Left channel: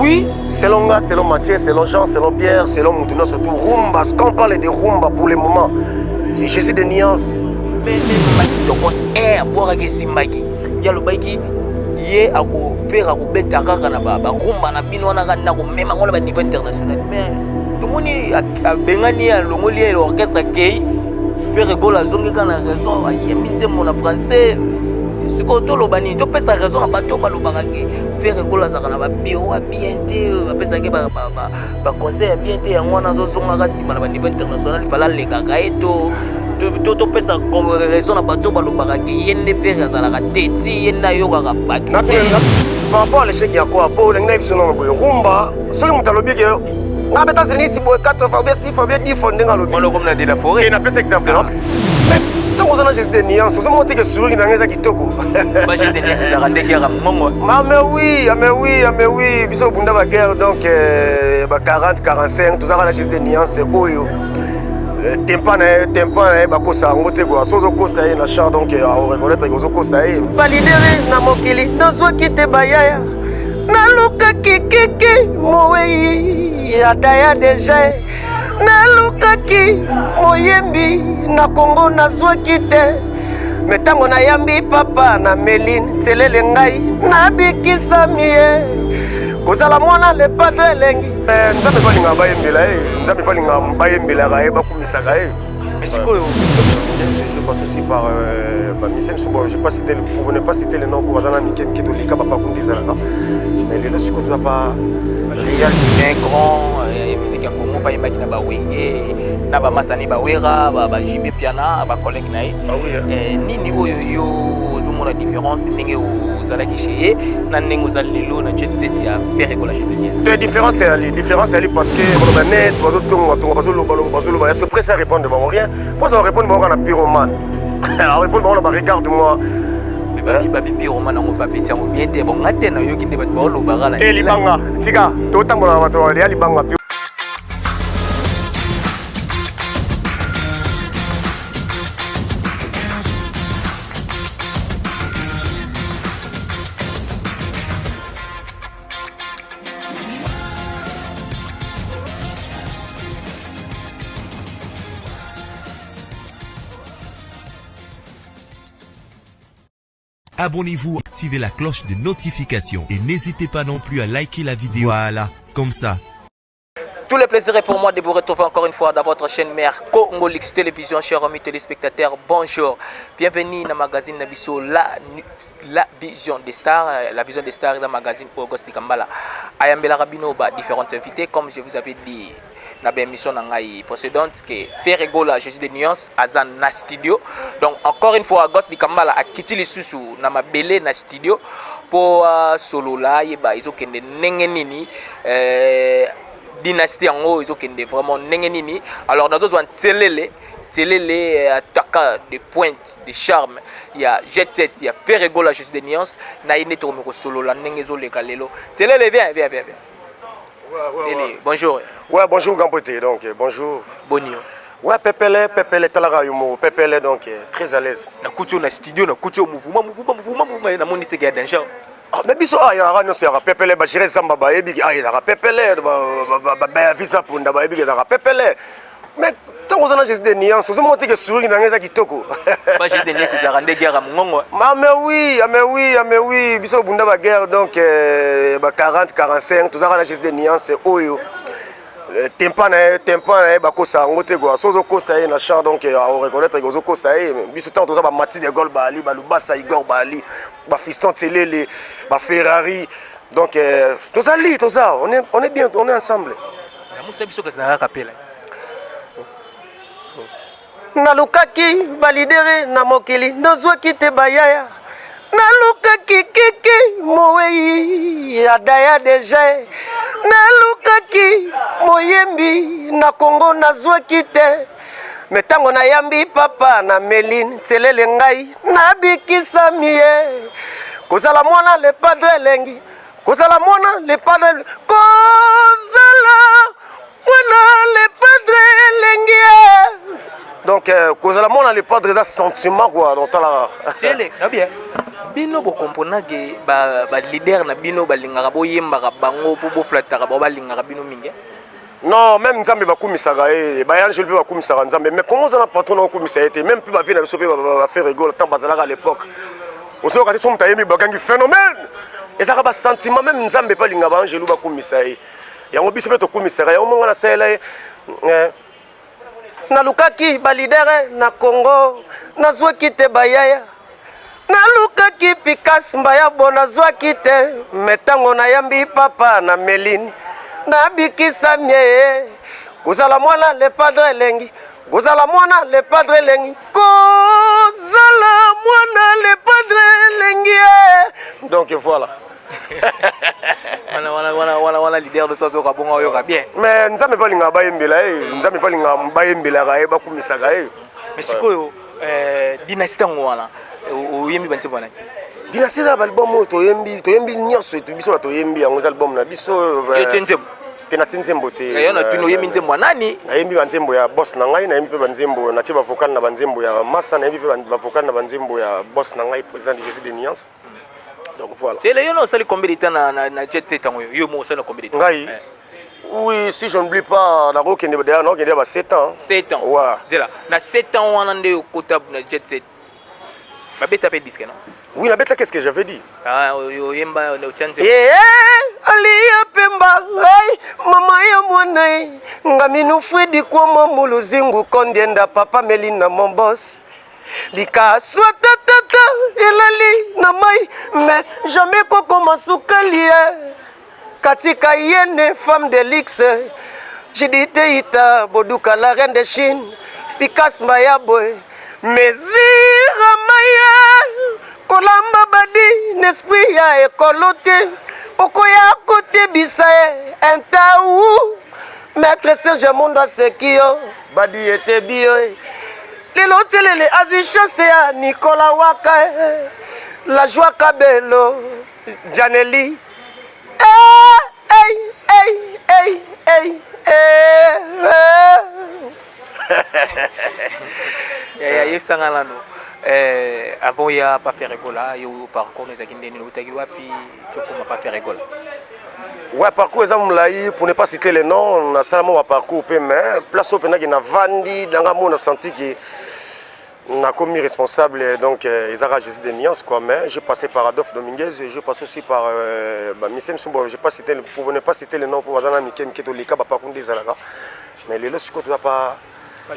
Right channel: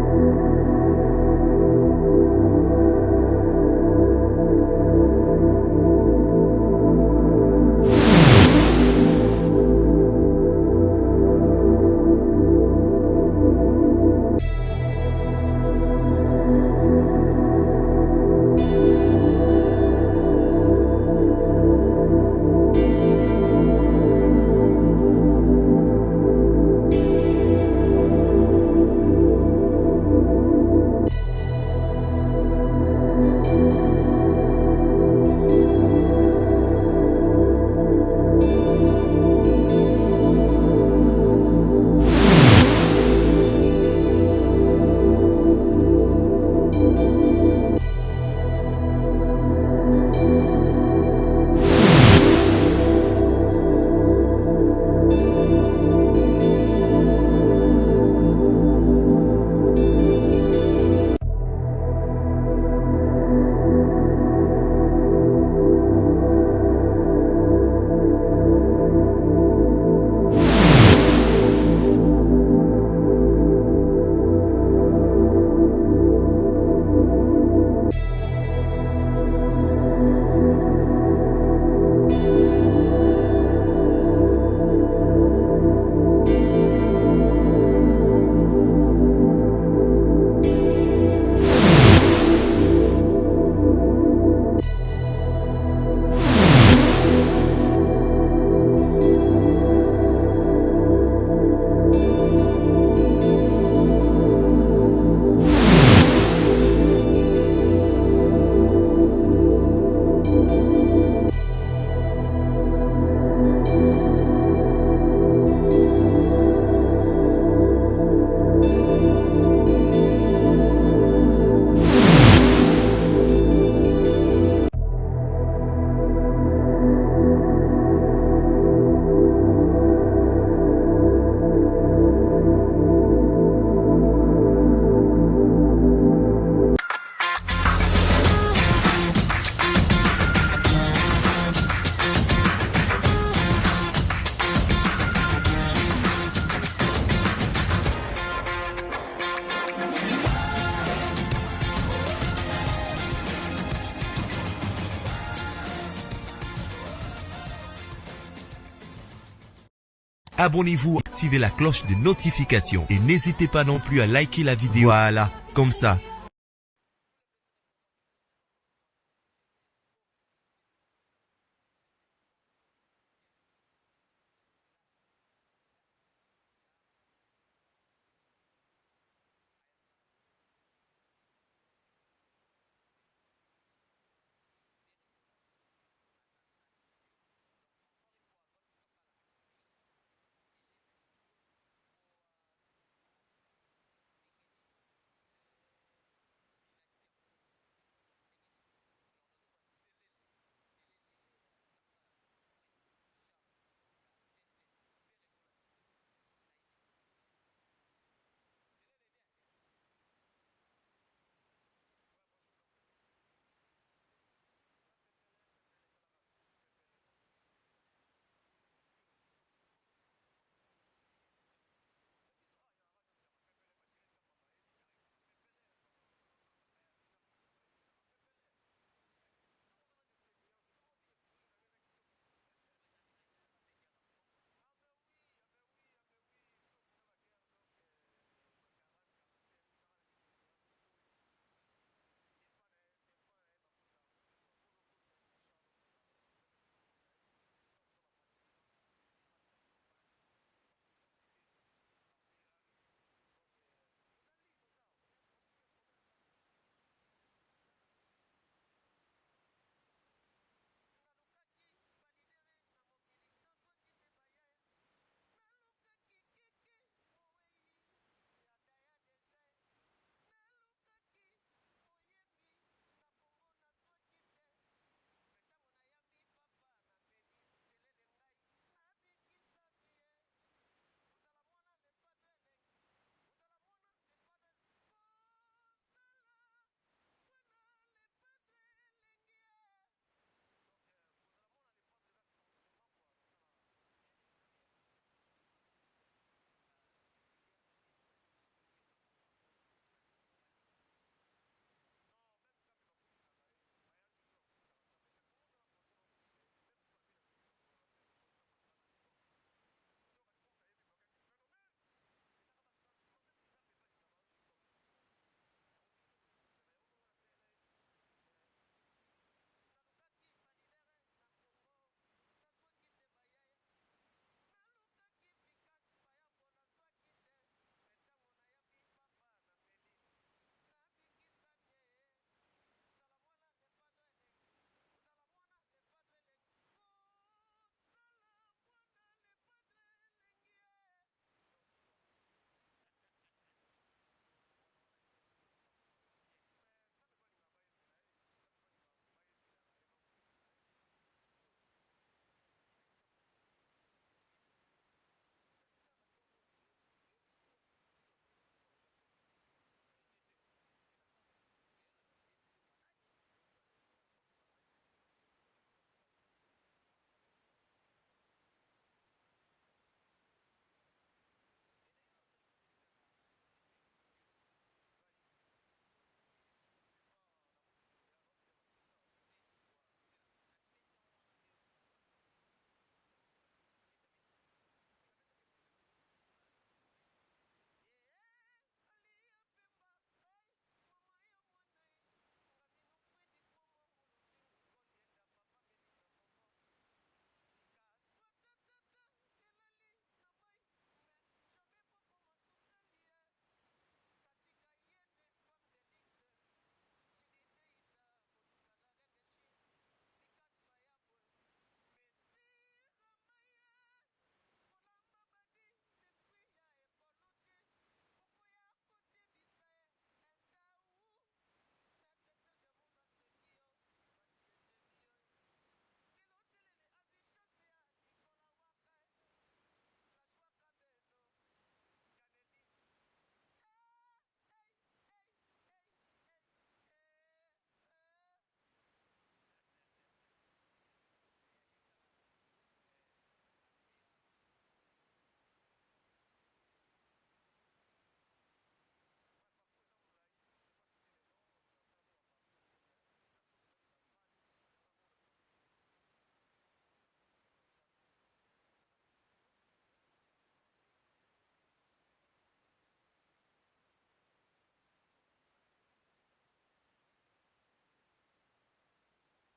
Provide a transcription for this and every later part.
Oui, selon moi, selon Mathieu, selon Jean, selon Pierre, selon Moutouna, surtout Rumba. Quand on parle de Rumba pour le moment, c'est Jésus de nuances. Ye akopera kobeta kaka na barumba na bino wana kana komema ngolo ba niveau international mais tomoni abengani ya longoli ya orchestre kei faire gola zongi kana raison ayemi nzembo na français siko toloba nini topesa raison na bato balobaka ke faire gola zaka na babiro bien te bapesa ke ba conseil bien te yango wana zozonga ka sima na ba niveau international fala lengaka eto to pesa raison na bato balobaka ke yende pere azalaka te ti ye na yokaka baki par rapport à l'échec ya quoi po lenga biso na boyo rumba soki moto alobi ke nga beta zeni si boye 4 fois bien 6 fois bien 10 fois ndenga alobi mono comme na de la forêt na pesa exemple non ntango oza na geste de nuance ozomona te ke sourire na nga eza kitoko ba geste de nuance ezalaka ndenge yaka mongo mais oui biso obunda baguerre donc ba 40 45 tozalaka na geste de nuance oyo tempa na ye bakosa yango te kwa so ozokosa ye na char donc reconnaître ke ozokosa ye balidere na mokili tozwaki te bayaya nalukaki kiki mowei ya daya deja nalukaki moyembi na kongo nazwaki te me ntango nayambi papa na meline tselele ngai nabikisami ye kozala mwana lepato elengi nzambe balingaka bayembela ye nzambe balingaka bayembelaka ye bakumisaka ye mais sikoyo aussi par bamisem bon je ne pas citer le nom pour bazana mikemike tolika bapakunde ezalaka mais lelo sikoyo toza pa grand musique ya kongo bayembaki na bawenge na bamasani bawera bajime piana bacollègue na ye nini oyo yo ozomona différence ndenge ozalaki chez ye na ndenge ozali lelo na jet set ya pere kola chez la différence est parce que on net bazotonga bazoloba est-ce que presse à répondre devant rien moi ça va répondre devant na pyromane alors répondre devant ba regarde moi babi pyromane ngo babeti yango bien te bon ngate na yoki nde bato balobaka na libanga tika totambola na bato ya libanga. Abonnez-vous, activez la cloche de notification et n'hésitez pas non plus à liker la vidéo. Voilà, comme ça. Tout le plaisir est pour moi de vous retrouver encore une fois dans votre chaîne mère Congolix Télévision, chers amis téléspectateurs. Bonjour, bienvenue dans le magazine Nabiso, la vision des stars. La vision des stars dans le magazine Auguste Nikambala. Ayambela Rabino, différents invités, comme je vous avais dit. Na émission précédente que Pere Gola Jésus de nuances azan na studio. Donc encore une fois Auguste Nikambala a quitté les sous na mabele na studio pour solo là yeba izokende ndenge nini dynastie yango izokende vraiment ndenge nini. Alors dans d'autres Télélé attaquant de pointe de charme, il y a Jet Set, il y a Pere Gola Jésus de nuances na ine to meko solo la ndenge zo le kalelo. Télélé viens. Ouais. Bonjour. Ouais, bonjour Gampote, donc bonjour. Bonjour. Ouais, Pepele Talaga Yumo, Pepele donc très à l'aise. Na couture na studio, na couture mouvement, na moni c'est danger. Ah, mais biso ah, ya rano c'est Pepele ba gérer samba ba ebi ah, ya Pepele ba visa punda ba ebi ya Pepele. Mais tant qu'on a juste des nuances, vous montrez que sourire dans les kitoko. Pas juste des nuances, c'est rendre guerre à mon mais oui, biso bunda ba guerre donc 40 45, tout ça on a juste des nuances oyo. Tempa na bakosa yango te kwa sozo kosa ye na char donc on reconnaître que ozokosa ye biso tant toza ba Mati de Gaulle ba Ali ba Lubasa Igor ba Ali ba Fiston Tselele ba Ferrari donc toza on est bien, on est ensemble. Na musa biso kasina kapela. Nalukaki balidere na mokili nozwaki te bayaya nalukaki kiki mowei ya daya deja nalukaki moyembi na kongo nazwaki te me ntango nayambi papa na meline tselele ngai nabikisami ye kozala mwana le padre elengi kozala mwana le padre kozala mwana le padre elengi donc kozala mwana le padre eza sentiment quoi donc tala télé bien bino bokompona ke leader na bino balingaka boyembaka bango mpo boflataka bao balingaka bino mingi. Non, même Nzambe bakumisaka ye, bayangeli mpe bakumisaka Nzambe, mais comment ça na patron na okumisa ye te, même mpe bavie na biso mpe bafaire rigole tant bazalaka à l'époque. Ozoyoka te so moto ayembi bakangi phénomène. Ezaka basentiment même Nzambe mpe alinga baangelu bakumisa ye. Yango biso mpe tokumisaka yango mongo nasala ye. Nalukaki balidere na Congo, nazwaki te bayaya. Nalukaki Picasso mbaya bo nazwaki te, metango na yambi papa na Meline. Nabikisa mie kozala mwana le padre lengi, kozala mwana le padre lengi, kozala mwana le padre lengi. Donc voilà. wana leader de soso ka bonga oyoka bien. Mais nzambe balinga bayembela nzambe balinga bayembela ka bakumisaka mais sikoyo dynastie ngwana oyembi banzembo na dynastie na album toyembi nyonso biso toyembi yango album na biso nzembo tena nzembo te yo na tuno yembi nzembo nani nayembi banzembo ya boss na ngai nayembi pe banzembo na tie bavocat na banzembo ya massa nayembi pe bavocat na banzembo ya boss na ngai président de Jésus de Nuance. Donc voilà. C'est le yo sali combien de temps na jet set tango yo mo sali combien de temps ngai oui si je n'oublie pas na ko kende déjà na kende ba 7 ans 7 ans ouais c'est là na 7 ans wana nde okota na jet set ba beta pe disque non oui na beta qu'est-ce que j'avais dit yo yemba na chance aliya pemba ai mama ya mwana ngaminu Fredi kwa muluzingu kondienda papa Melina mon boss lika swata tata elali na mai mais jamais koko masukali katika yene femme de luxe jidite ita boduka la reine de Chine Picasso mayaboy mezira maya kolamba badi n'esprit ya ekolote okoya kote bisae entaou maître Serge Mondo Sekio badi ete bio lelo telele azwi chance ya Nicolas Waka la joie Kabelo Janeli ya sangala no avant ya pas faire égola yo parcours nous akinde ni utaki wapi tukoma pas faire égola. Ouais, parcours ezamulai pour ne pas citer les noms, on a seulement un parcours mais place au pena qui na vandi dans la monde senti que n'a commis responsable donc ils ont Jésus de Nuance quoi mais j'ai passé par Adolphe Dominguez et je passe aussi par Missem Sumbo, j'ai pas cité pour ne pas citer les noms pour Wazana Mikem qui to lika ba parcours des alaka mais les lorsque tu pas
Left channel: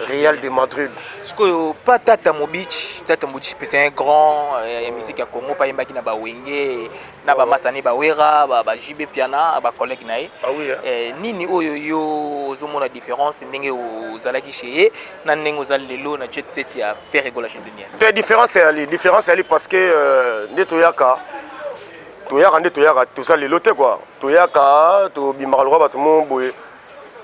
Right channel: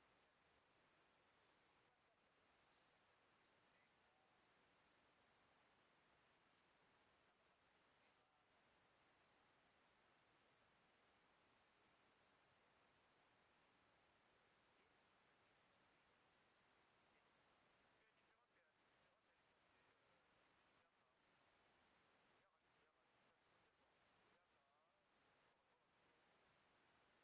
Real de Madrid. Parce que pas Tata Mobich c'est un grand musique à Congo pas yembaki na ba wenge na ba masani ba wera ba JB piana ba collègue nae. Ah oui. Nini oyo yo zo mona différence ndenge ozalaki chez na ndenge ozali lelo na jet set ya Père Egola chez Denias. C'est différence ali parce que ndeto yaka nde toyaka tout ça lelo te quoi. Toyaka to bimaka lo ba to mo boye.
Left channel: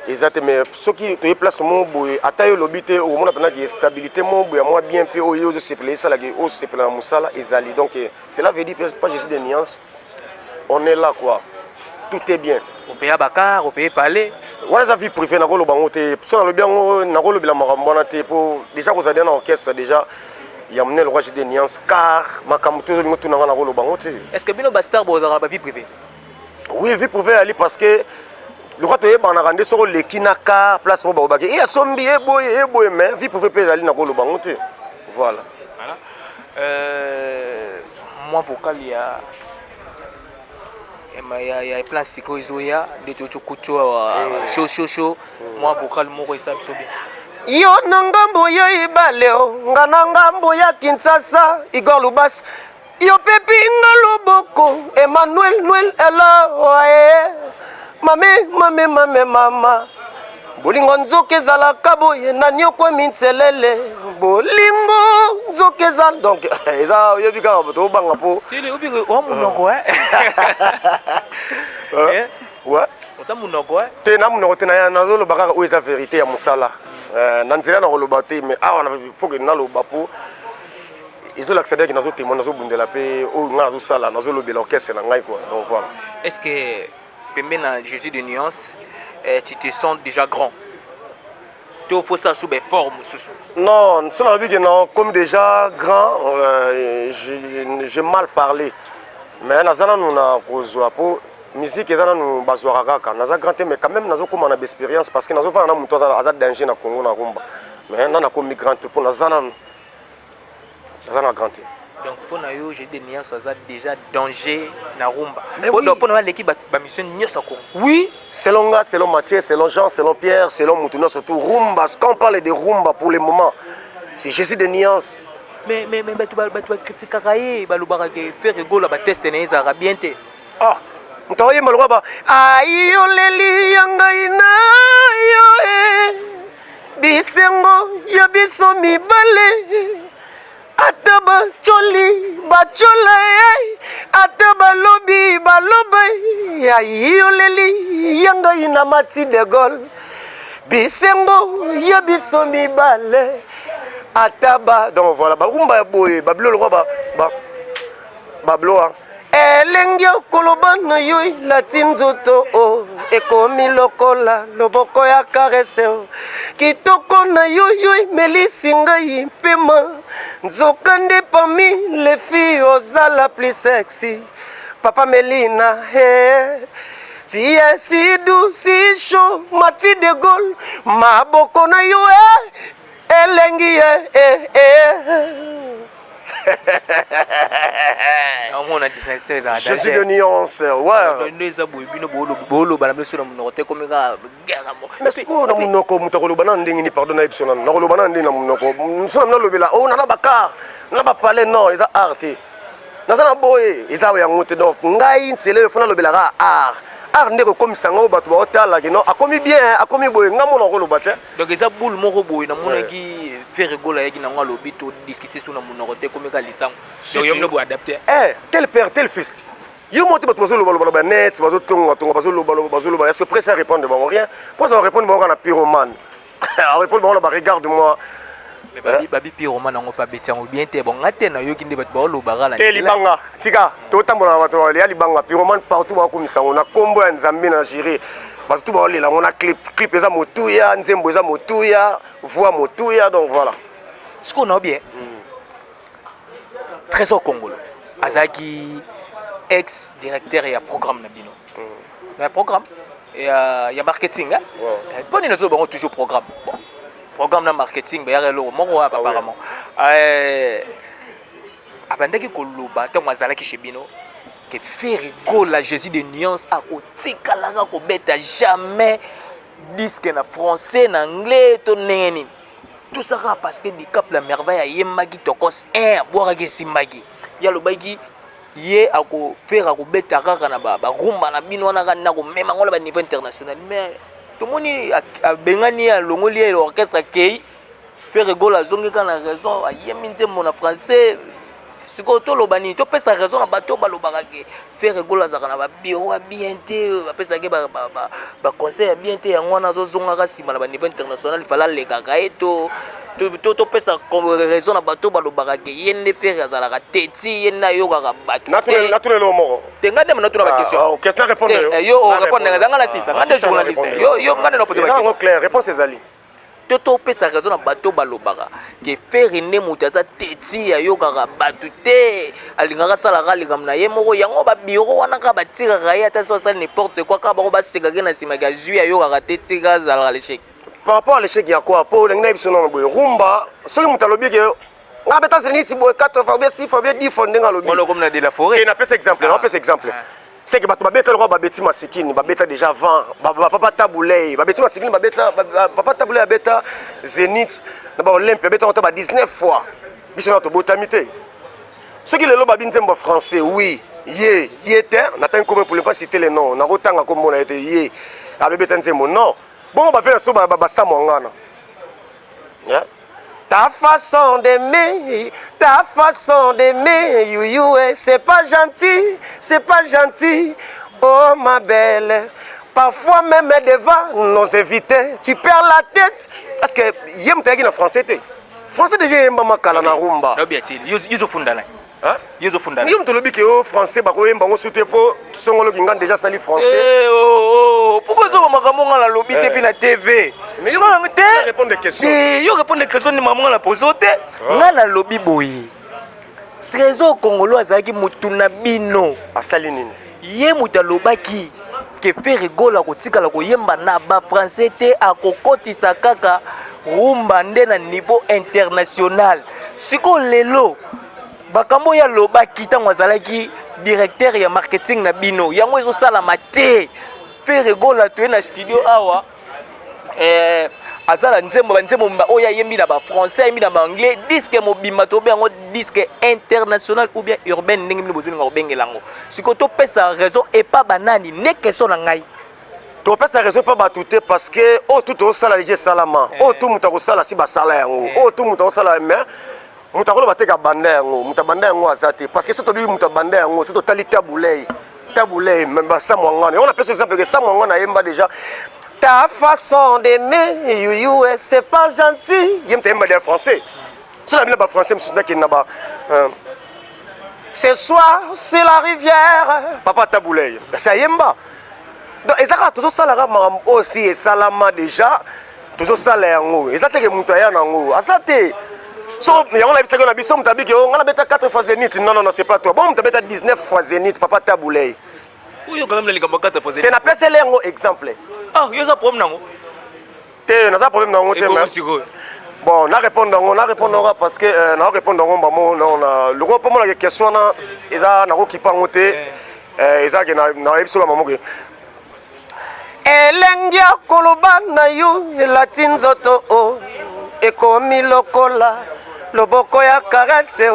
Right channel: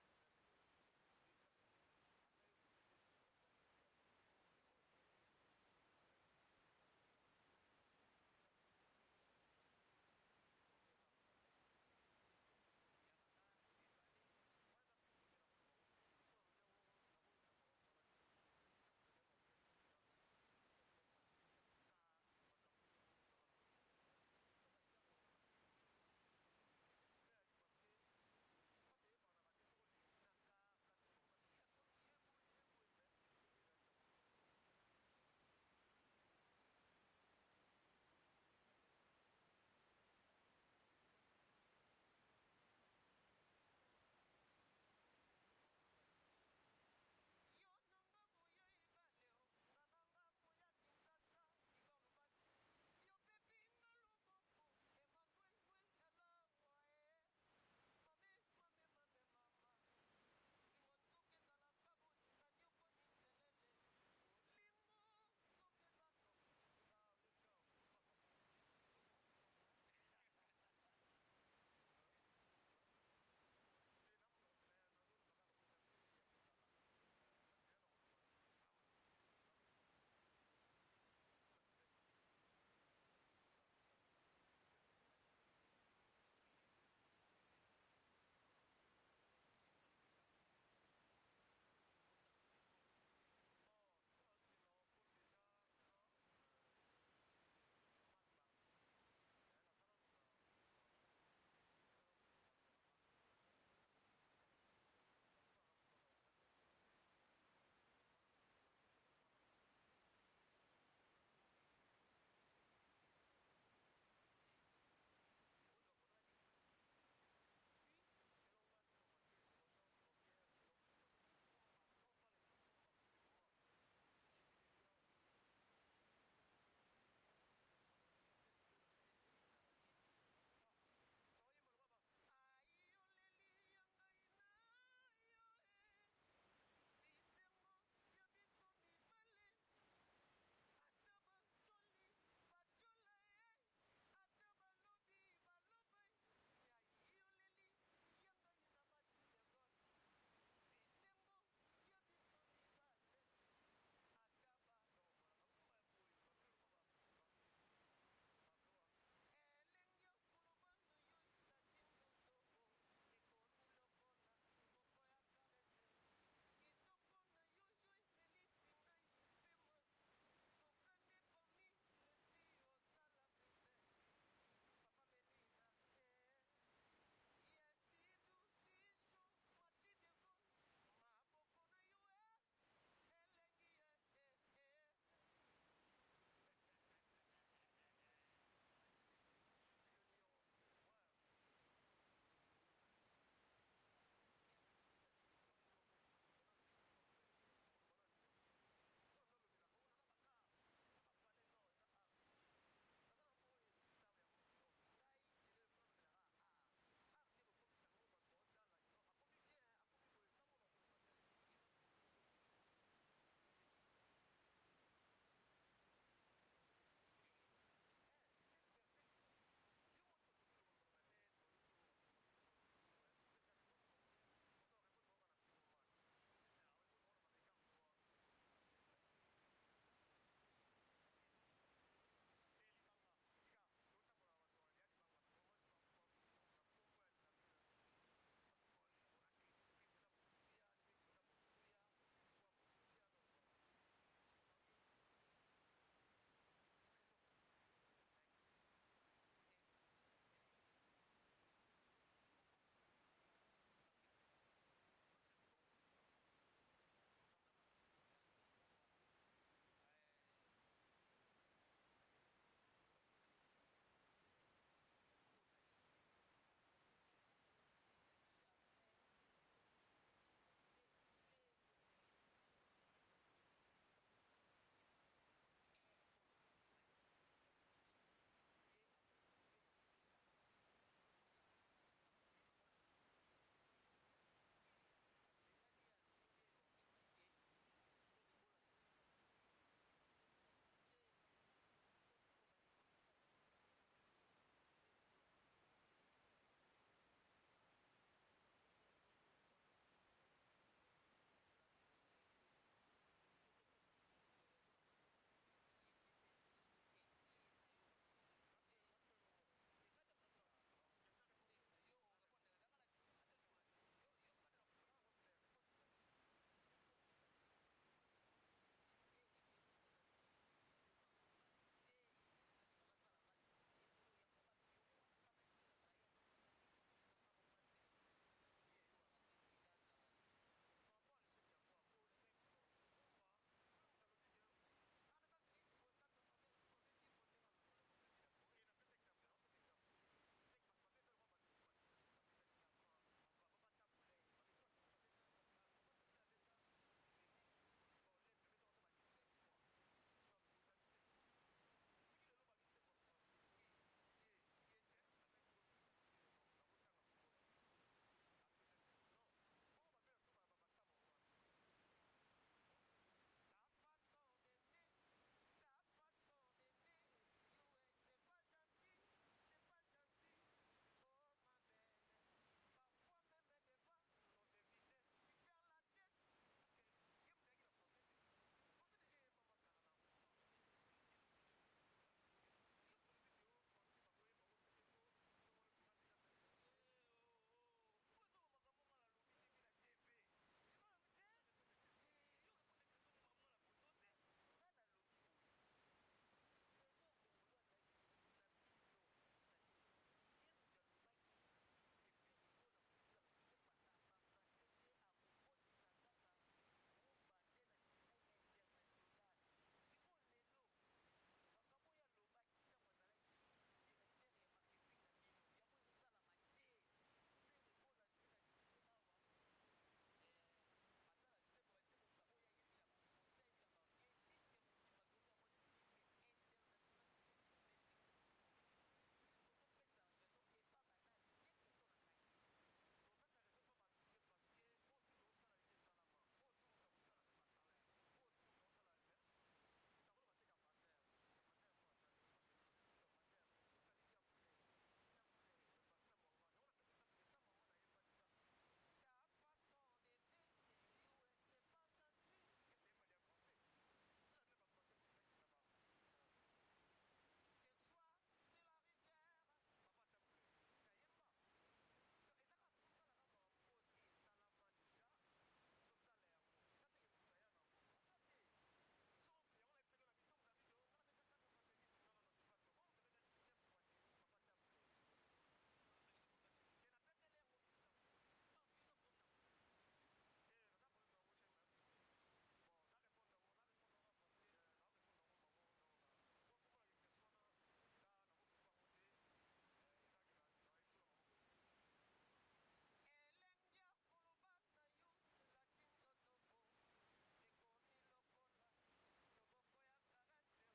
Exactement, mais ce qui te place mon boy, attaque l'obité au monde pendant qu'il y a stabilité mon boy, moi bien peu au lieu de se placer ça la gueule, au se placer la moussala et zali. Donc cela veut dire pas Jésus de Nuance, on est là quoi, tout est bien. On paye à Bakar, on paye parler. Voilà sa vie privée, n'a pas le bangote. Sur le bien, n'a pas le bilan marambonate pour déjà vous avez un orchestre déjà. Il y a amené le roi Jésus de Nuance car ma camouflage tout n'a pas le bangote. Est-ce que Bino Bastard vous avez la vie privée? Oui, vie privée aller parce que le roi toye bana rande soko le kinaka place mo ba et sombi e boy mais vie pouvait pas aller na ko lo bangote voilà moi vocal ya plan siko izoya de to kucho show moi vocal moko esa biso bien yo na ngambo ya ibaleo ngana ngambo ya Kinshasa Igor Lubas yo pepi ngaloboko Emmanuel Noel ela mama bolingo nzoka ezalaka boye na nyoko mintselele bolingo nzoka ezala donc eza oyebi kaka tobanga po munoko ouais oza munoko te na munoko te nazoloba kaka oyo eza vérité ya mosala na nzela na koloba te mais awa faut que naloba po ezolakisa deke nazotémoin nazobundela mpe oyo ngai nazosala nazolobela orchestre na ngai quoi donc voilà. Est-ce que Pembe na Jésus de Nuance, tu te sens déjà grand? to faut ça sous des formes Non, ça n'a que non, comme déjà grand, j'ai mal parlé. Mais nazana nous na kozwa po musique ezana nous bazwa kaka. Naza grand mais quand même nazo comme on a d'expérience parce que nazo fa na muto za danger na Congo na rumba. Mais na comme migrant pour nazana grand. Donc pour nous j'ai des nuances ça déjà danger na rumba. Pour nous l'équipe ba mission nyos à Congo. Oui, selon Nga, selon Mathieu, selon Jean, selon Pierre, selon Moutouna surtout rumba. Quand on parle de rumba pour le moment, c'est juste des nuances. Mais tu vas critiquer Karaye, tu vas faire rigolo, tu vas tester les Arabiens. Ah, tu vas voir malheureusement. Aïe, oleli, yangaina, yo, bisengo, yabiso mi bale. Ataba choli, bachola, ataba lobi, baloba. Aïe, oleli, yangaina mati de gol. Bisengo, yabiso mi bale. Ataba, donc voilà, rumba boy, bablo le roi, bablo, elengio kolobana yoi latinzoto o ekomi lokola loboko ya karese o kitoko na yoi melisinga impema nzokande parmi les filles ozala plus sexy papa Melina hey. Tu es si doux, si chaud, Mati de Gaulle, maboko na yo elengi Je suis de nuance, ouais. Mais ce qu'on a mon nom, Moutaro Bananding, pardon, Nolo Bananding, nous sommes dans le village. Oh, on n'a pas car, on n'a pas parlé, non, ils ont arté. Nous avons boy, ils ont monté donc, Ngaïn, c'est le fond de l'obélara art. Art n'est comme ça, on va a commis bien, a commis boy, n'a mon rôle au bâtiment. Donc, ils ont boule mon robot, il a mon qui fait rigoler, il a mon lobby, discuter sur mon roté comme il a l'issang. Donc, il a adapté. Eh, tel père, tel fils. Yo monte pas trop le net, pas trop est-ce que prêt à répondre devant rien? Pour ça répondre devant la pyromane. Répondre devant regarde-moi. Mais babi pyromane on pas bêter on bien té bon ngate na yo kinde bato lo bagala. Te libanga, tika, to tambola bato ya libanga pyromane partout ba komisa on a combo ya Nzambe na gérer. Bato ba lela on a clip eza motuya, nzembo eza motuya, voix motuya donc voilà. Ce qu'on a bien. Trésor Congolais. Azaki ex-directeur et programme nabino. Il y a programme et il y a marketing hein. Bon ils nous ont toujours programme. Bon. Programme de marketing il y a le moro apparemment. Abandaki koloba tant mazalaki chez bino que faire rigolo la Jésus de nuance à otika la ko beta jamais disque na français na anglais to neni. Tout ça parce que du cap la merveille yemaki tokos boire ke simbaki. Ya lo baki ye ako faire ako beta kaka na ba rumba na bino wana kana ko mema ngola ba niveau international mais tout le monde a bengani à l'ongolier l'orchestre qui fait rigolo à zongi quand la raison a yeminze mon français ce que tout le bani tu peux sa raison à bateau balobarake faire rigolo à zakana ba bureau bien té ba pesa ke ba conseil bien té en wana zo zonga ka sima na ba niveau international il fallait les kaka eto to pesa comme raison à bateau balobarake yende faire azala ka teti yena yo ka bateau naturel le moro tenga dem na tuna question question répondre yo répondre nganga na sisa ngande journaliste yo ngande no poser question clair réponse ezali to pesa raison na bateau balobaka ke faire ne mutaza teti ya yo ka bateau te alingaka sala ka lingam na ye moko yango ba bureau wana ka batira ka ya ta so ça n'importe quoi ka ba ba seka ke na sima ga juillet yo ka teti ka zala l'échec. Par rapport à l'échec, il y a quoi? Pour les rumba, ceux qui ont lobby, on a besoin de 4 fois, 6 fois, 10 fois, on a comme de la forêt. On a fait exemple, on a fait exemple. C'est que le roi Babeti Masikini, Babeta déjà 20, Papa Taboulay, Babeti Masikini, Papa Taboulay, Babeta Zénith, Olympia, Babeta on a 19 fois. Ils sont notre botamité. Ceux qui le lobby Babinzembo français, oui, yé, était, on attend comme pour ne pas citer les noms, on a autant comme on a été yé, avec Betanzembo, non. Bon, on va faire ça, ta façon d'aimer, c'est pas gentil, oh ma belle. Parfois même devant nos invités, tu perds la tête. Parce que yem t'es en français, français déjà yem maman kalana rumba. Non bien, ils ont fondé là. Hein? Ils ont fondé. Yem te le bique au français, bah quoi yem bango soute po, son le gingan déjà sali français. yo pourquoi zo makambo nga la lobby te puis na TV Mais yo te répondre des questions. yo répondre des questions ni maman la pose te nga na lobby boyi Trésor Congolo azalaki mutu na bino asali nini ye mutu alobaki ke fe rigola kotikala koyemba na ba français te akokotisa kaka rumba nde na niveau international siko lelo bakambo ya lobaki ntango azalaki directeur ya marketing na bino yango ezosalama te fe rigola toye na studio awa azala nzembo banzembo oyo ayembi na bafrançais ayembi na baanglais disque mobimba tobe yango disque international ou bien urbaine ndenge bino bozolinga kobengela yango sikoyo topesa raison epa banani ne question na ngai topesa raison mpa bato te parce que oyo tu tozosala lije esalama oyo tu moto akosala si basala yango oyo tu moto akosala mais moto akoloba te kabanda yango moto abanda yango aza te parce que so tobibi moto abanda yango so totali tabulei basamwangana on apesa exemple que samwangana ayemba déjà ta façon d'aimer, you, c'est pas gentil. Il y a français. C'est la langue française, qui n'a ce soir, c'est la rivière. Papa Taboulay. C'est Yemba. Donc, et ça, tout ça, là, aussi, et Salama déjà. Tout ça, là, et ça, c'est que Moutaya, Nango. Ah, ça, t'es. So, il y a un avis, on a dit, on a 4 fois zénith. Non, non, non, c'est pas toi. Bon, on a 19 fois zénith, Papa Taboulay. Oui, quand même, les gars, tu n'as pas celle exemple. Ah, il y a un problème. Tu as un problème dans le bon, on répondra parce que on répondra le roi pour moi la question na eza na ko kipangote eza ke na ebisola mamoke elengia koloba na yo latin zoto o ekomi lokola loboko ya karese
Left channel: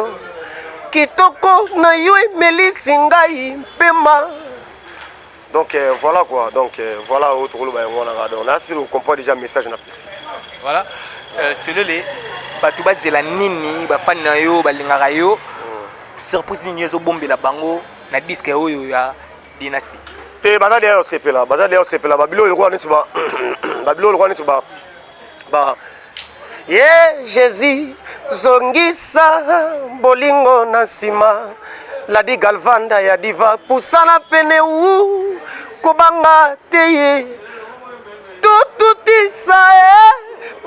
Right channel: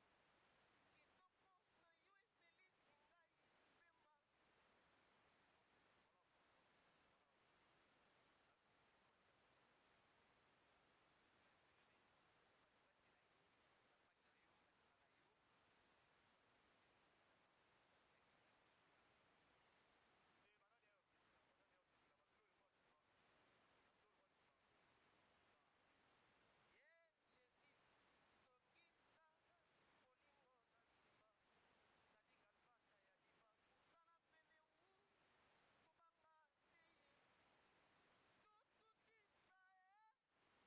kitoko na yo melisi ngai pema. Donc voilà quoi, donc voilà autre rôle là si on comprend déjà le message na précis. Voilà. Tu le les batuba zela nini ba fan na yo ba lingaka yo. Surprise nini zo bombela bango na disque oyo ya Dynasty. Te baza derrière CP là, babilo le roi nitu ba babilo le roi nitu ba yeah Jésus zongisa bolingo na sima la di galvanda ya diva pusana pene wu kubanga teye tututisa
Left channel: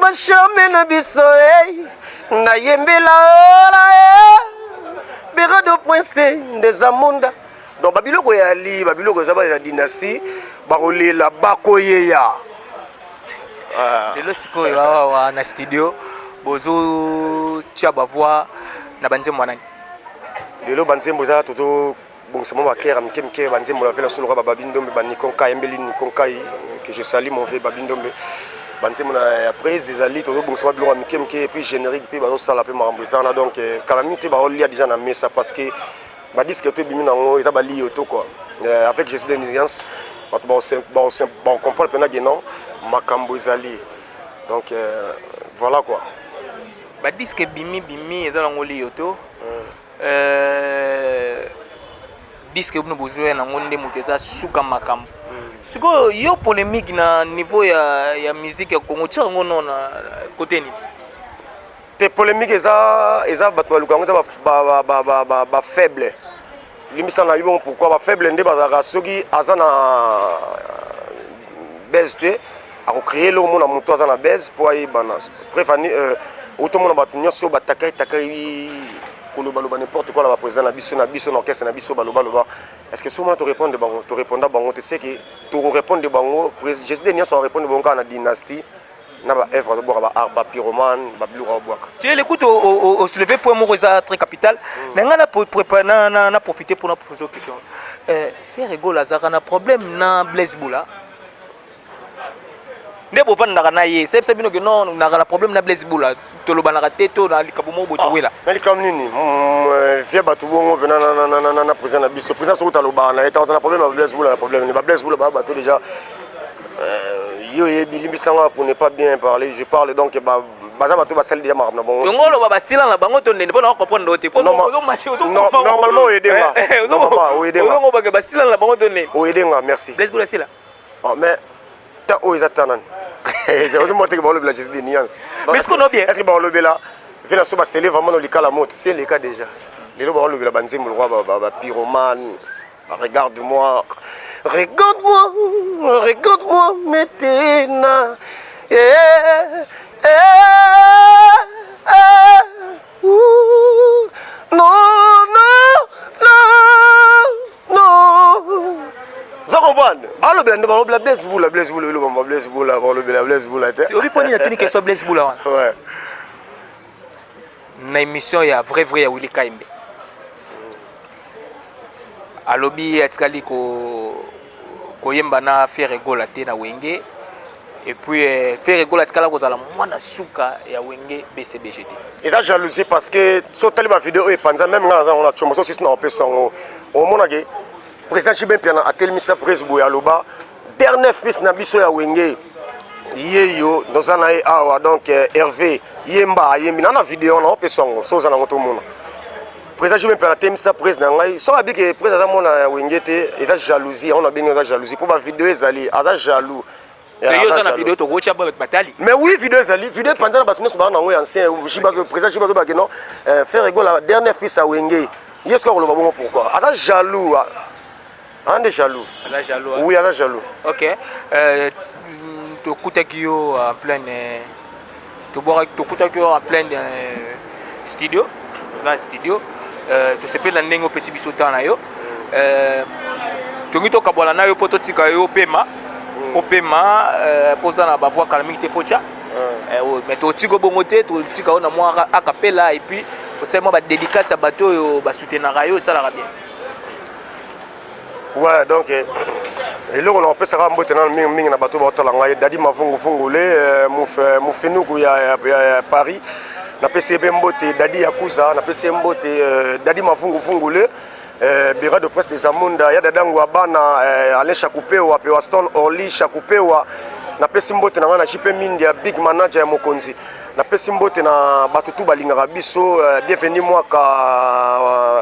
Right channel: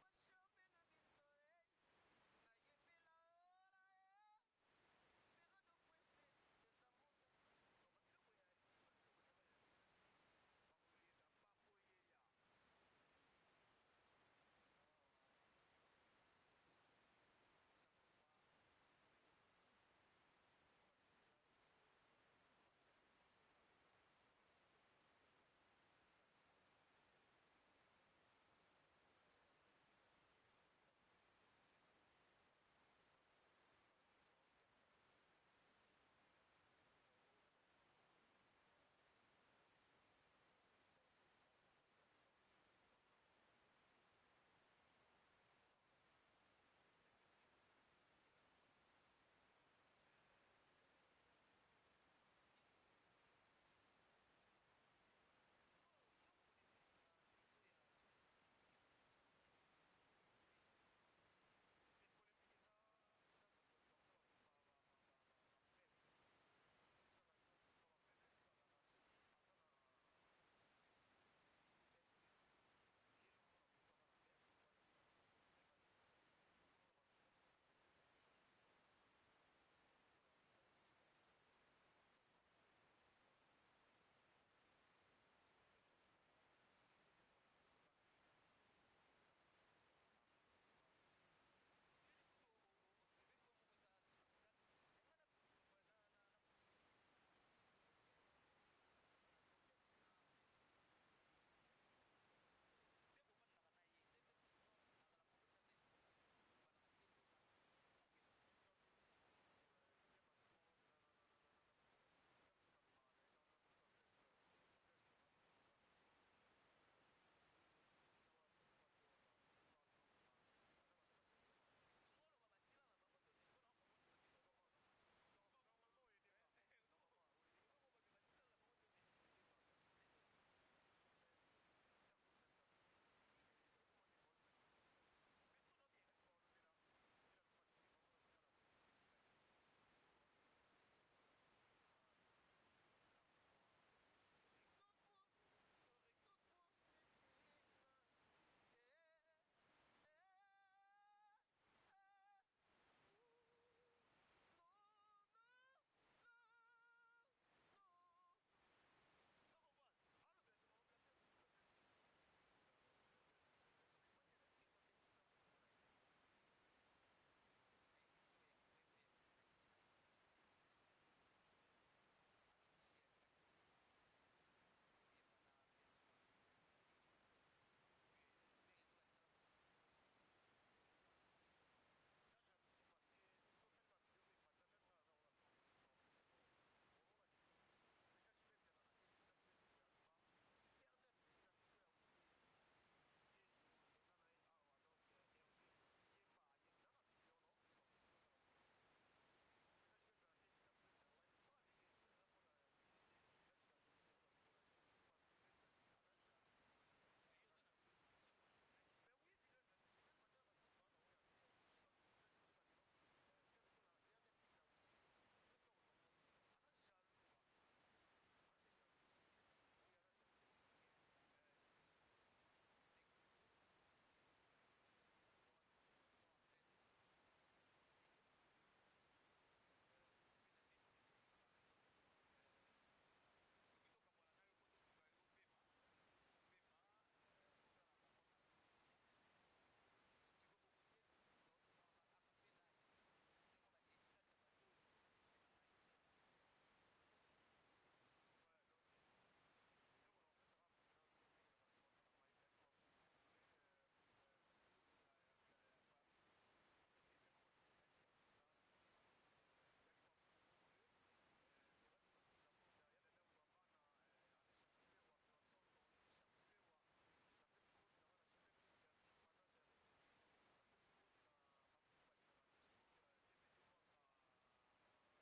bashame na biso na yembela ola berado prince des amunda donc babiloko ya li babiloko za ba ya Dynasty bakolela bakoyeya lelo sikoyo wa na studio bozo tia ba voix na banzembo nani lelo banzembo za toto bon c'est moi kera mke banzembo la vela solo ba babindombe ba nikonka embeli nikonka que je salue mon vieux babindombe banzembo na après ezali toto bon c'est moi biloko mke puis générique puis ba sala pe marambezana donc calamité ba lia déjà na mesa parce que ba disque to bimi nango eza ba li auto quoi avec Jésus de Nuisance on comprend le pena non makambo ezali donc voilà quoi ba disque bimi eza nango li auto disque bino bozoya nango nde moto eza suka makambo sikoyo yo polémique na niveau ya musique ya Congo tia yango no na côté nini te polémique eza bato baluka yango eza bafaible limbisa na yo pourquoi bafaible nde bazalaka soki aza na base te akocréer eloko mona moto aza na base mpo ayebana préfani otomona bato nyonso batakai koloba n'importe quoi la président na biso na orchestre na biso baloba est-ce que souvent tu répondre bango tu sais que tu répondre bango Jésus de Nias on répondre bango na Dynasty na ba œuvre de boire ba art ba pyromane ba blura boire tu écoute au soulever point moko eza très capital na nga na profiter pour na poser question faire rigolo azaka na problème na Blaise Boula nde bovandaka na ye sepesa bino ke non naka na problème na Blaise Boula tolobanaka te to na likambo moko botokwela na likambo nini vie bato bongo vena na président na biso président soki talobaka na ye takozala na problème na Blaise Boula na problème ni ba Blaise Boula ba bato déjà yo yebi limbisanga pour ne pas bien parler je parle donc baza bato basali déjà makambo na bongo yongo oloba basila na bango to ndende mpona comprendre te normalement oyedenga ozongo bake basila na bango to ndende oyedenga merci Blaise Boula sila mais ta oyo eza tanani ozomoteke baolobela Jésus de Nuance mais est-ce qu'on a bien est-ce que baolobela vena so basele vraiment nolika la moto c'est le cas déjà lelo baolobela banzembo lokwa bapyromane regarde-moi regarde-moi maintenant. Non. Vous comprenez? Alors, Blaise Boula. Tu as vu pour une question Blaise Boula? Ouais. Na émission ya vrai ya Willy Kaimbe. Alobi atikali ko yemba na faire gola te na wenge. Et puis faire gola atikala kozala mwana suka ya wenge BCBGT. Et ça jalousie parce que sur telle vidéo et panza même là on a chomo so na opesongo. Au monage président Chibin Piana a tel misa presse boya loba dernier fils na biso ya wenge. Yeyo dans un awa donc Hervé Yemba Yembi na vidéo on a opesongo so za na moto mona. Président Chibin Piana tel misa presse na ngai so abi que président mona wenge te et ça jalousie on a bien ça jalousie pour ma vidéo ezali aza jaloux. Mais oui, vidéo Zali, vidéo pendant la bataille, nous avons ancien, le président Chibazo Bageno, faire rigolo la dernière fils à Wenge. Il y a ce qu'on le voit pourquoi. Ah, jaloux. On est jaloux. Oui, on est jaloux. Ok. Tu Kutakio en plein. Tu Kutakio en plein studio. Dans le studio. Tu sais pas la nengo pesibiso tanayo. Tu ngito kabola nayo pototika yo pema. Opema posa na bavoi calmité focha mais to tiko bongote to tika na moi acapella et puis c'est moi ba dédicace à bateau yo ba soutenir yo ça la bien. Ouais donc et là on peut savoir mbote na mingi na bateau ba tola ngai dadi mavungu fungule mu fenuku ya Paris na PCB mbote dadi yakuza na PCB mbote dadi mavungu fungule bureau de presse des Amunda ya dadangu abana Alain Chakupewa pe Waston Orly Chakupewa na pesi mbote na wana JP Mindia big manager ya Mokonzi na pesi mbote na batutu balingaka biso bienvenue mwaka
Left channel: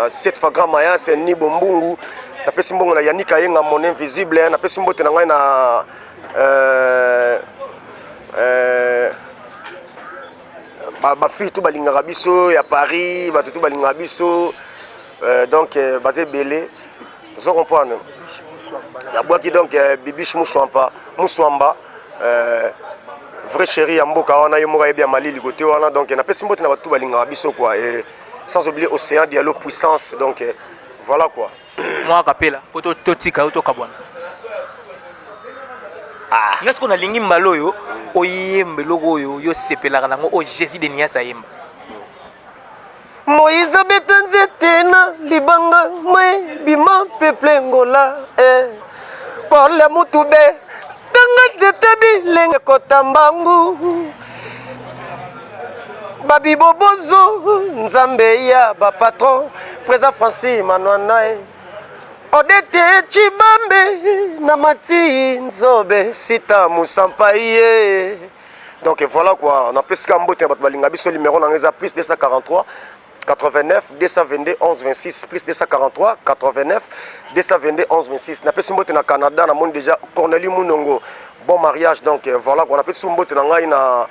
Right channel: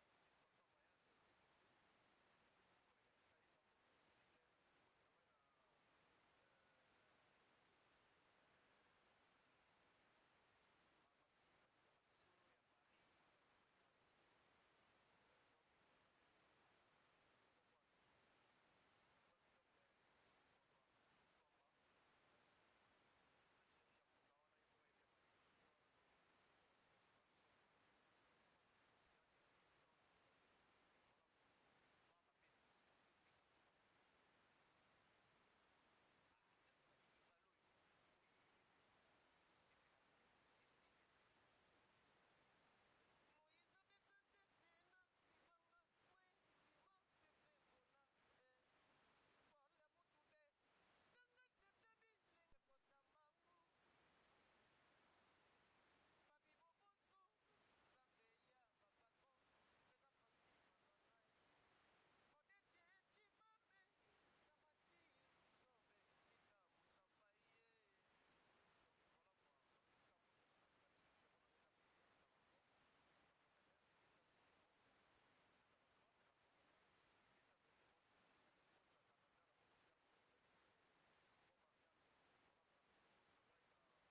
7 fagrama ya c'est ni bombungu na pesi mbongo na Yanika Yenga mon invisible na pesi mbote na ngai na ba fille tout balingaka biso ya Paris batutu balingaka biso donc basé belé vous comprenez la boîte qui donc Bibiche Mousswamba vrai chéri ya mboka wana yo moka bien Mali côté wana donc na pesi mbote na batu balinga biso quoi et sans oublier Océan Diallo puissance donc voilà quoi moi capella poto totika auto kabwana ah est-ce qu'on a lingi mbaloyo oyembe logo yo sepelaka nango o Jésus de Niasa yemba Moïse betanzete na libanga mwe bima peuple ngola pour le mutube tanga zete bilenge kotambangu babi bobozo nzambe ya ba patron président Francis Manouanae odete chibambe na mati nzobe sita musampaye donc voilà quoi on a plus qu'un bout de balinga biso numéro na ngeza plus 243 89 222 11 26 plus 243 89 222 11 26 na pesi mbote na Canada na monde déjà Cornelie Munongo bon mariage donc voilà qu'on a pesi mbote na ngai na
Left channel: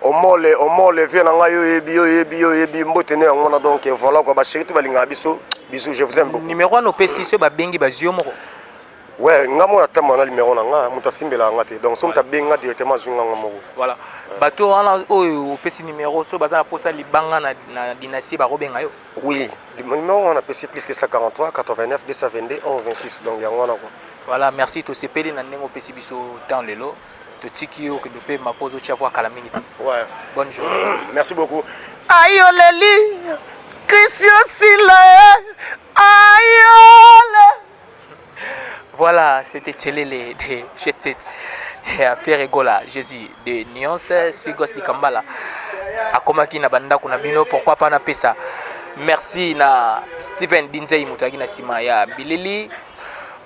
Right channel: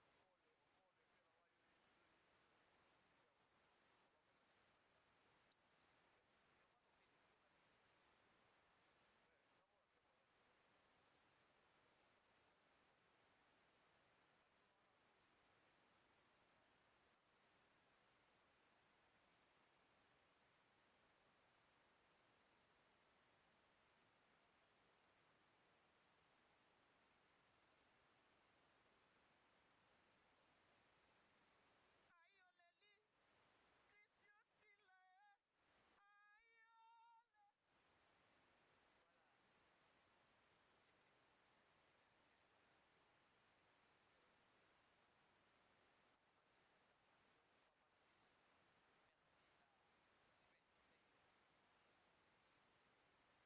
omole vient na ngai yebi mbote ne ngona donc voilà quoi ba chéri to balinga biso bisous je vous aime beaucoup numéro no pesi so ba bengi ba zio moko ouais ngamo na tama na numéro na nga muta simbela ngate donc so muta benga directement zunga ngamo voilà bato wana oyo pesi numéro so baza posa libanga na dynastie ba robenga yo oui le numéro on a pesi plus que 143 89 222 11 26 donc ya ngona quoi voilà merci to sepeli na nengo pesi biso temps lelo to tiki yo que de pe ma pose tia voir kala minute ouais bonne journée merci beaucoup ayoleli Christian Sila ayole. Voilà, c'était Télélé de Chetet à Ferregola, Jésus de Nuance, Sigos de Kambala. A Komaki na banda kuna bino, pourquoi pas na pesa. Merci na Steven Dinzei Mutagi na Sima ya Bilili.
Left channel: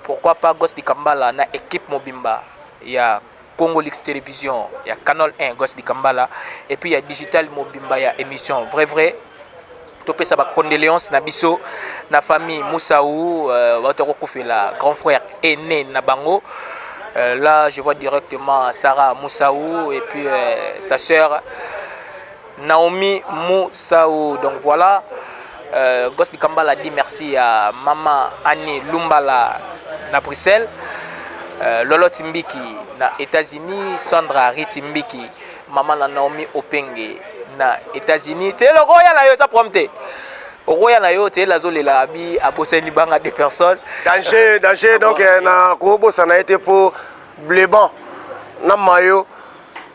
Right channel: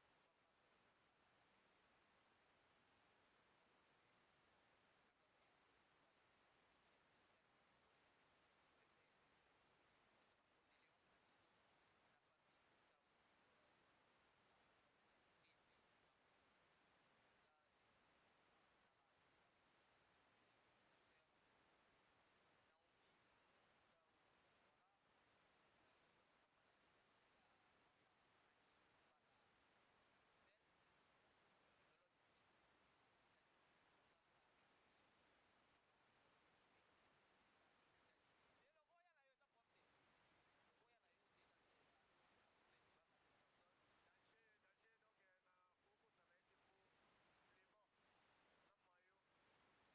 Pourquoi pas Gos de Kambala na équipe Mobimba ya Congo Lix Télévision, ya Canal 1 Gos de Kambala et puis ya Digital Mobimba ya émission vrai. Topé sa condoléances na biso na famille Moussaou la grand frère aîné na bango là je vois directement Sarah Moussaou et puis sa sœur Naomi Moussaou donc voilà Gosse Kambala dit merci à maman Annie Lumbala na Bruxelles, Lolo Timbiki na États-Unis, Sandra Ritimbiki, maman na Naomi Openge na États-Unis. C'est le royal na yo ta prompté. Au royal na yo c'est la zone la bi a bossé libanga des personnes. Danger donc na Kobo ça n'a été pour Bléban na mayo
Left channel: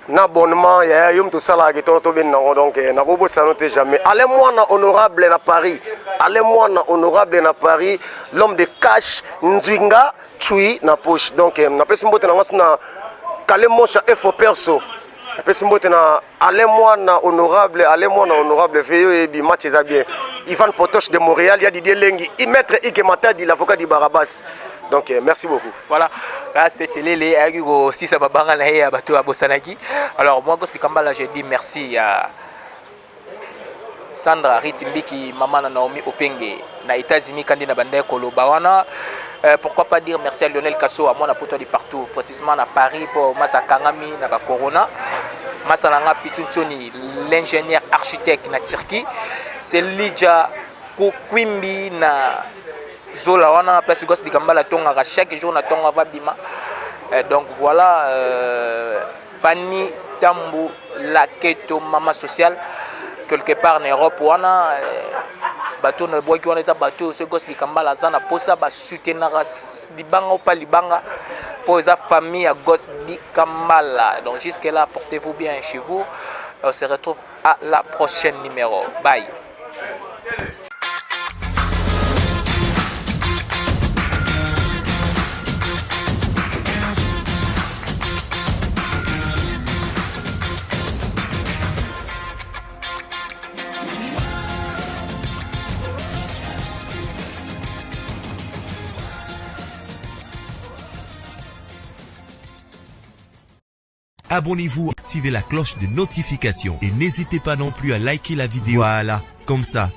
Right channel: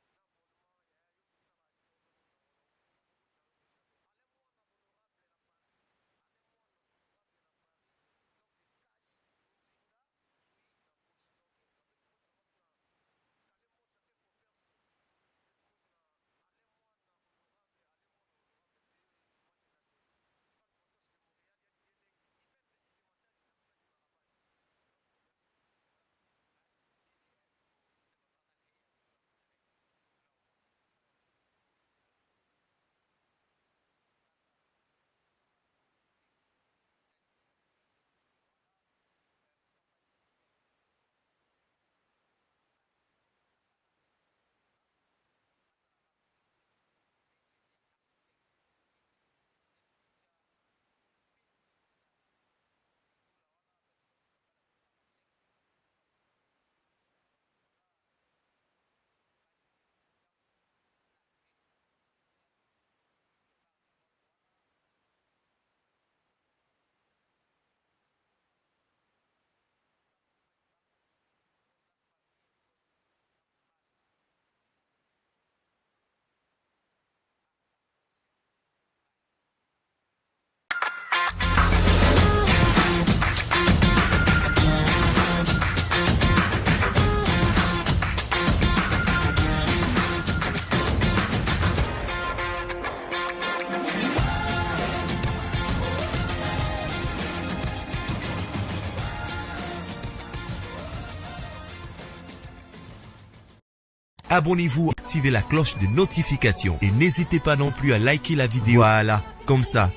na abonnement ya yum tout ça là qui to ben donc na Kobo ça note jamais. Allez-moi na honorable na Paris. Allez-moi na honorable na Paris, l'homme de cash Nzwinga Chui na poche. Donc na pesi mbote na ngasuna kale mosha effort perso. Na pesi mbote na allez-moi na honorable veyo et bi match ça bien. Ivan Potoche de Montréal, il y a Didier Lengi, maître Ike Matadi, l'avocat du Barabas. Donc merci beaucoup. Voilà, là c'était Télé, aussi ça va banger à bateau à Bosanaki. Alors moi Gosse Kambala, je dis merci à Sandra Ritimbiki, maman na Naomi Openge na États-Unis kandi na bande koloba wana. Pourquoi pas dire merci à Lionel Kasso à moi na poto de partout, précisément à Paris pour Massa Kangami na ba Corona. Massa Nanga Pitunchoni, l'ingénieur architecte na Turquie. C'est Lidja Kukwimbi na Zola wana place Gosse Kambala tonga chaque jour na tonga va bima. Donc voilà Pani Tambu la Keto Mama Social quelque part en Europe wana bateau ne bois qui wana za bateau ce Gosse Kambala zana posa ba soutenir libanga ou pas libanga pour sa famille à Gosse Kambala. Donc jusque là portez-vous bien chez vous. On se retrouve à la prochaine numéro. Bye. Abonnez-vous, activez la cloche de notification et n'hésitez pas non plus à liker la vidéo. Voilà, comme ça,